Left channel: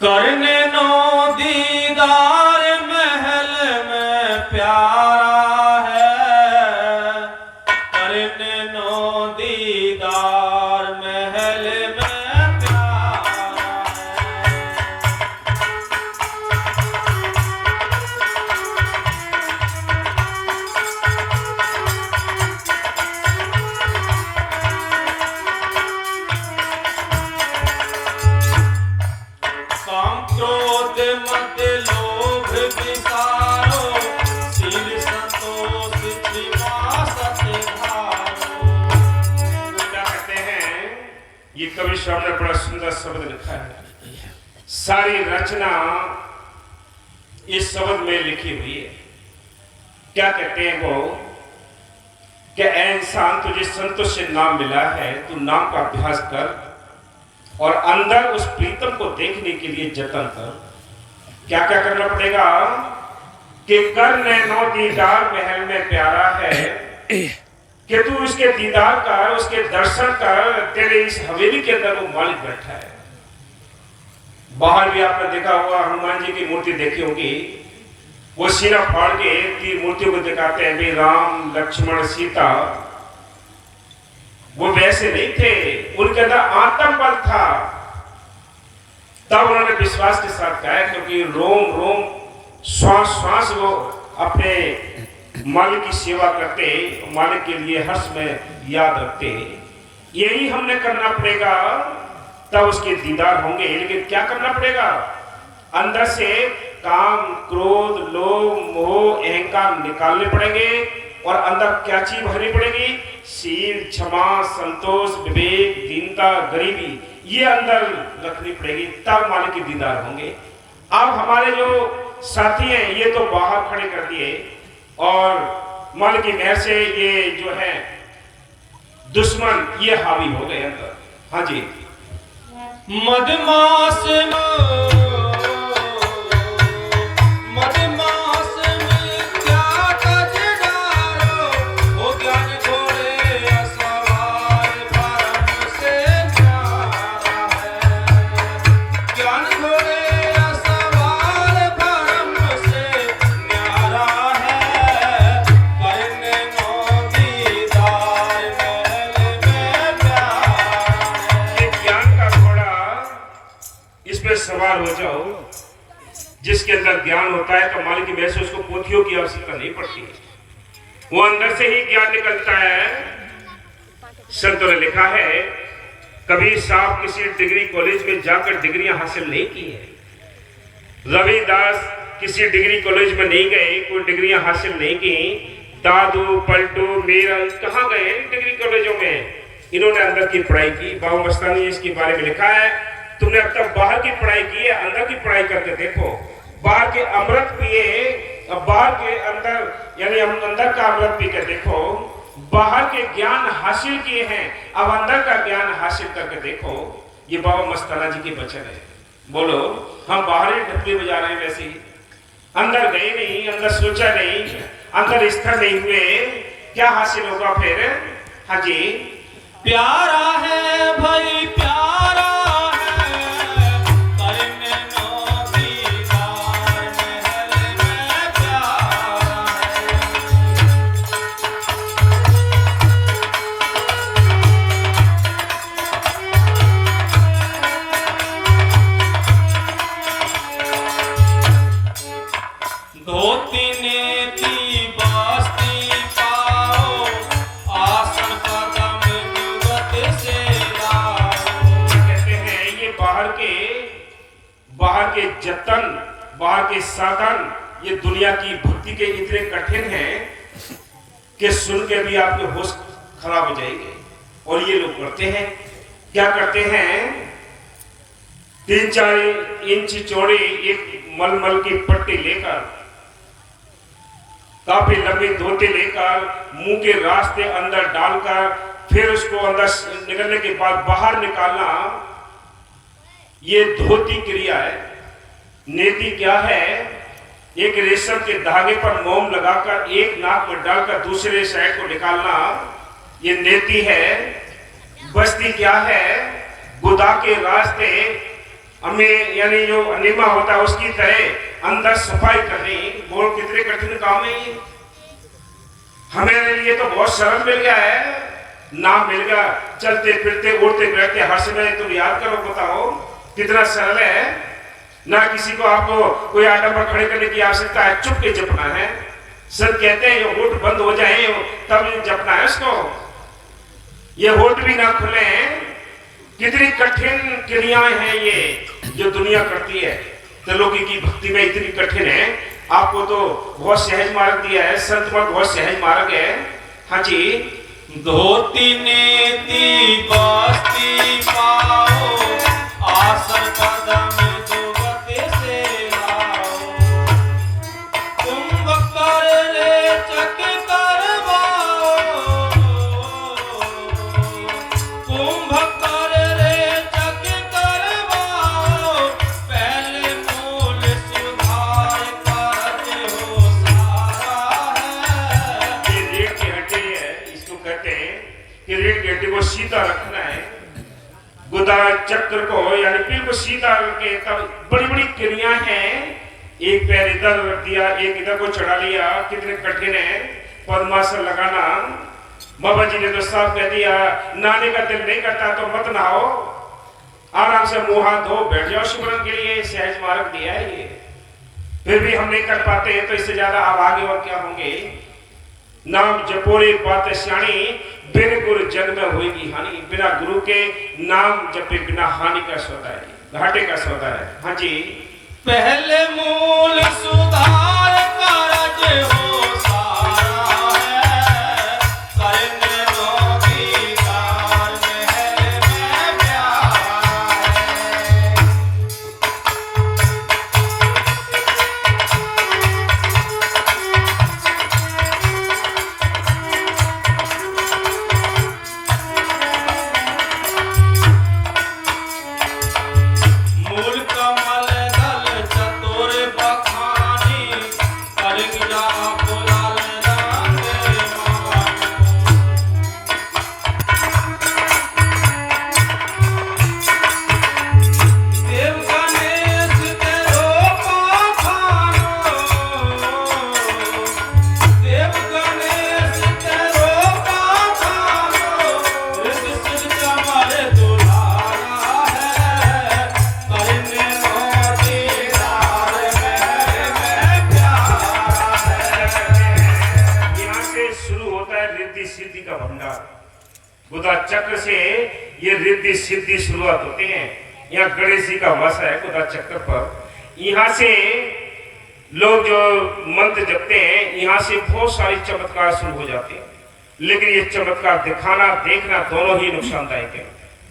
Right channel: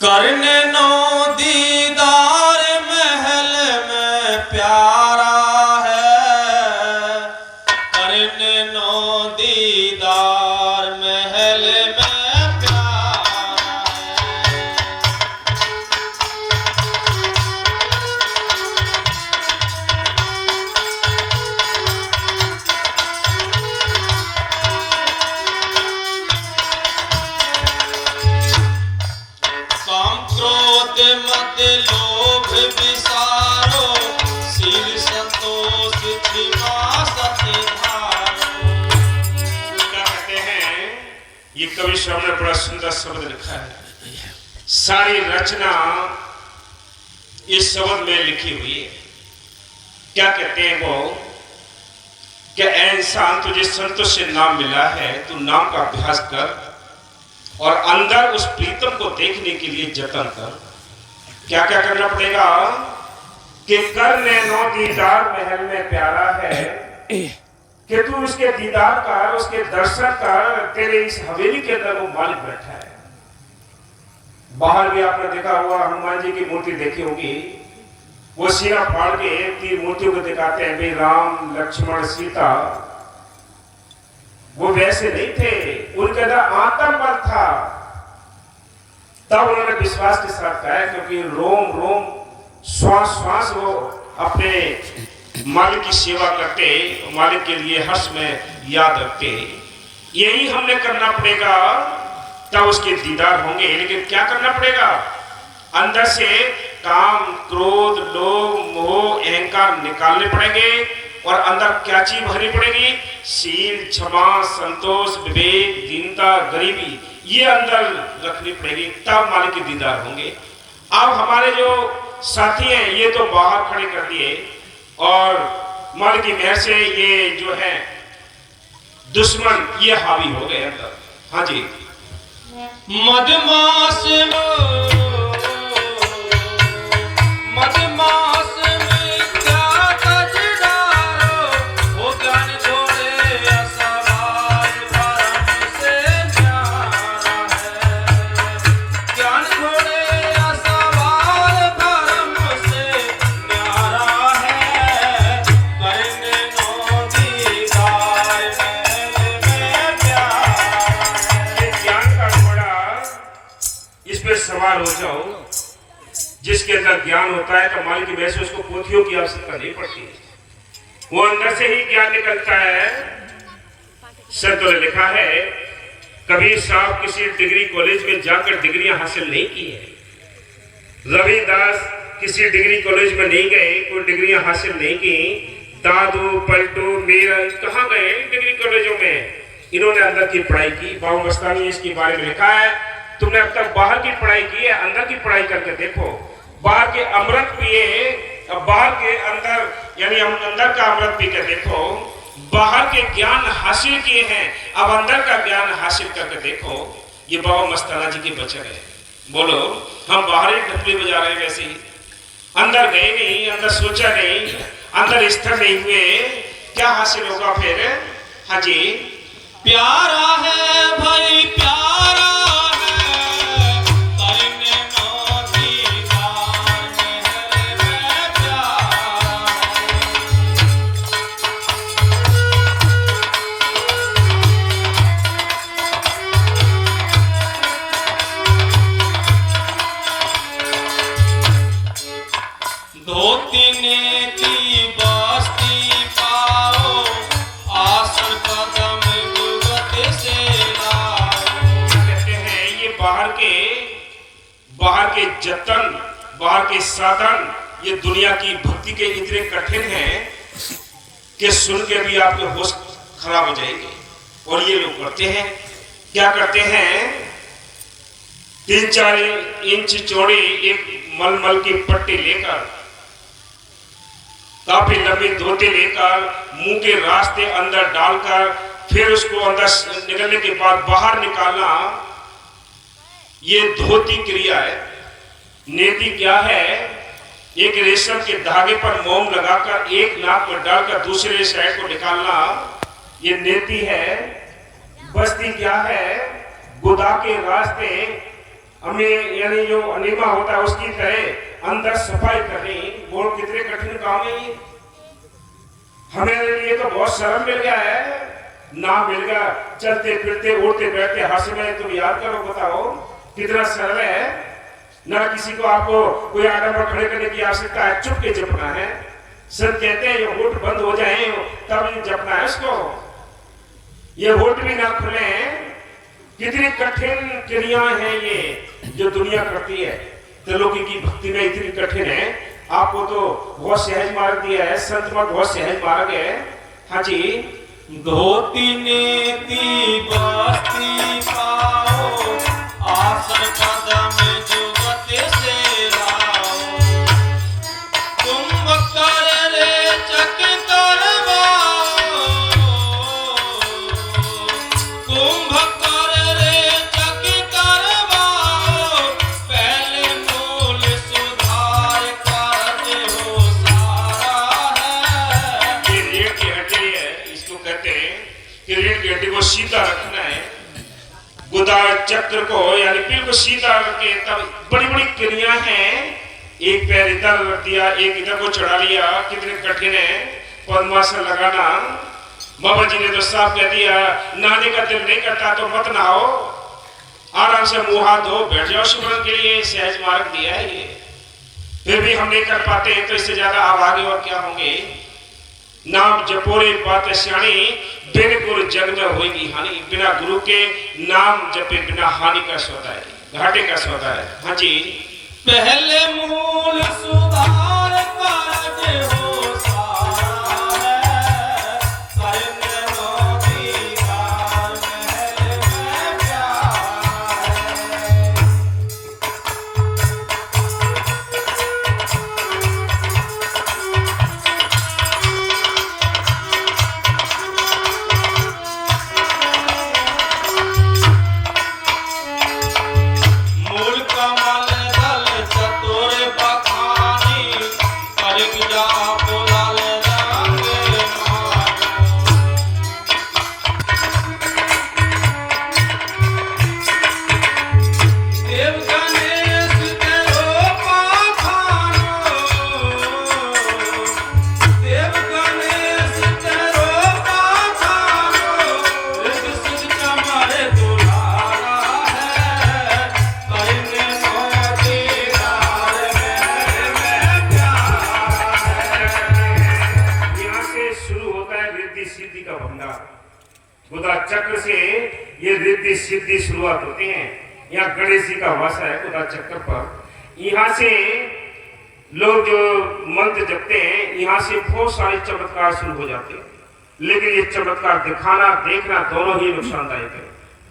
करने नो दीदार महल में प्यारा है, करने नो दीदार महल में प्यारा है। काम क्रोध मत लोभ विसारो, शील संतोष क्षमा सत्य धारो। क्या कहते हैं, ये कवि स्वामी ने बड़ा सुंदर शब्द लिखा है। सारी रचना इस शब्द में लिखी हुई है। क्या कहते हैं वो, क्या इंसान तुझे संतोष से नाम मिला है, तू नाम का अभ्यास कर और अंदर उस प्रीतम को देखने के लिए जतन कर। क्या क्या करना पड़ेगा कि करने नो दीदार महल में प्यारा है, कि तू उसके दीदार कर, उसके दर्शन कर। तेरे इस हवेली के अंदर वो मालिक बैठा है। बाहर भी आपने देखा हुआ, हनुमान जी की मूर्ति देखी होगी, वो सिरा फाड़ के तीन मूर्तियों को दिखाते हैं, भाई राम लक्ष्मण सीता। वो वैसे नहीं थे, उनके अंदर आत्म बल था। तब उन्होंने विश्वास के साथ कहा, क्योंकि रोम रोम श्वास श्वास वो अपने मालिक की सेवा करते, मालिक के लिए हर्ष में याद रखते। यही हमने करना पड़ेगा, तब उसके दीदार होंगे। लेकिन क्या करना पड़ेगा, अंदर से काम क्रोध लोभ मोह अहंकार निकालने पड़ेंगे। और अंदर क्या चीज भरनी पड़ेगी, शील क्षमा संतोष विवेक दीनता गरीबी, ये अंदर रखनी पड़ेगी, तब मालिक के दीदार होंगे। अब हमारे जो साथी हैं ये तो बाहर खड़े कर दिए, और मालिक की मेहर से ये जो है दुश्मन ये हावी हो गए अंदर। हाँ जी, मदमास सवार हो जाओ, जिसके अंदर ज्ञान होता है तो मालिक की वजह से उसको पोथियों की आवश्यकता नहीं पड़ती, वो अंदर से ही ज्ञान निकलता है। संतों ने लिखा है, कबीर साहब किसी डिग्री कॉलेज में जाकर डिग्रियां हासिल नहीं की है, रविदास किसी डिग्री कॉलेज में नहीं गए, कोई डिग्रियां हासिल नहीं की, दादू पलटू मीरा कहाँ गए डिग्री कॉलेजों में, इन्होंने अंदर की पढ़ाई की। बाबू मस्तानी इसके बारे में लिखा है, तुमने अब तक बाहर की पढ़ाई की है, अंदर की पढ़ाई करके देखो। बाहर के अमृत पिए, बाहर के अंदर यानी अंदर का अमृत पी के देखो। बाहर के ज्ञान हासिल किए हैं, अब अंदर का ज्ञान हासिल करके देखो। ये बाबा मस्ताना जी के वचन है। बोलो, हम बाहर ही ढपली बजा रहे हैं, वैसे ही अंदर गए नहीं, अंदर सोचा नहीं, अंदर स्थिर नहीं हुए, क्या हासिल होगा फिर। हाँ जी, प्यारा है भाई प्यारा, धोती नेती बस्ती पाओ, आसन कदम जुगत से लाओ। कहते हैं ये बाहर के जतन, बाहर के साधन, ये दुनिया की भक्ति के इतने कठिन हैं कि सुन के भी आपके होश खराब हो जाएंगे। और ये लोग करते हैं, क्या करते हैं, 3-4 इंच चौड़ी एक मलमल की पट्टी लेकर, काफी लंबी धोती लेकर, मुंह के रास्ते अंदर डालकर, फिर उसको अंदर निकलने के बाद बाहर निकालना, ये धोती क्रिया है। नेति क्या है, एक रेशम के धागे पर मोम लगाकर एक नाक में डालकर दूसरे साइड को निकालना, ये नेति है। बस्ती क्या है, गुदा के रास्ते हमें यानी जो अनिमा होता है उसकी तरह अंदर सफाई करनी, वो कितने कठिन काम है ये। हमारे लिए तो बहुत सरल मिल गया है, नाम मिल गया, चलते फिरते उड़ते बैठते हंस में, तुम याद करो बताओ कितना सरल है ना। किसी को आपको कोई आइटम पर खड़े करने की आवश्यकता है, चुप के जपना है। सब कहते हैं ये होठ बंद हो जाए तब जपना है उसको, ये होठ भी ना खुले। कितनी कठिन क्रियाएं हैं ये जो दुनिया करती है, त्रिलोकी की भक्ति में इतनी कठिन है। आपको तो बहुत सहज मार्ग दिया है, संत में बहुत सहज मार्ग है। हाँ जी, धोती नेति बस्ती पाओ, आसन कदम जुगत से लाओ। कुंभ कर रे चक करवाओ, कुंभ कर रे चक करवाओ। पहले मूल सुधार कार्य हो सारा है। ये रीढ़ की हड्डी है, इसको कहते हैं कि रीढ़ की हड्डी को सीधा रखना है, गुदा चक्र को यानी बिल्कुल सीधा रखे। तब बड़ी बड़ी क्रिया हैं, एक पैर इधर रख दिया, एक इधर को चढ़ा लिया, कितने कठिन है। पद्मासन लगाना, बाबा जी ने तो साफ कह दिया, नहाने का दिल नहीं करता तो मत नहाओ, आराम से मुंह हाथ धो बैठ जाओ सिमरन के लिए, सहज मार्ग दिया है ये। फिर भी हम नहीं कर पाते तो इससे ज्यादा आप आगे और क्या होंगे। नाम जपोरे बात श्याणी, बिन गुरु जग में होगी हानि। बिना गुरु के नाम जपे बिना हानि का सौदा है, घाटे का सौदा है। हाँ जी, पहले मूल सुधार कार्य हो सारा है। करने नो दीदार में मैं प्यारा है। मूल कमल दल चतुर बखानी, करमिया पुलाल रंग मानो। देव गणेश के रूपा खानो, देव गणेश के रूपा खानो। ऋषि सिद्ध चमर दुलारा है, करने नो दीदार में मैं प्यारा है। यहाँ से शुरू होता है रिद्धि सिद्धि का भंडार। गुदा चक्र से ये रिद्धि सिद्धि शुरुआत होते हैं। यहाँ गणेश जी का वासा है गुदा चक्र पर। यहाँ से लोग जो मंत्र जपते हैं, यहाँ से बहुत सारे चमत्कार शुरू हो जाते हैं। लेकिन ये चमत्कार दिखाना देखना दोनों ही नुकसानदायक है।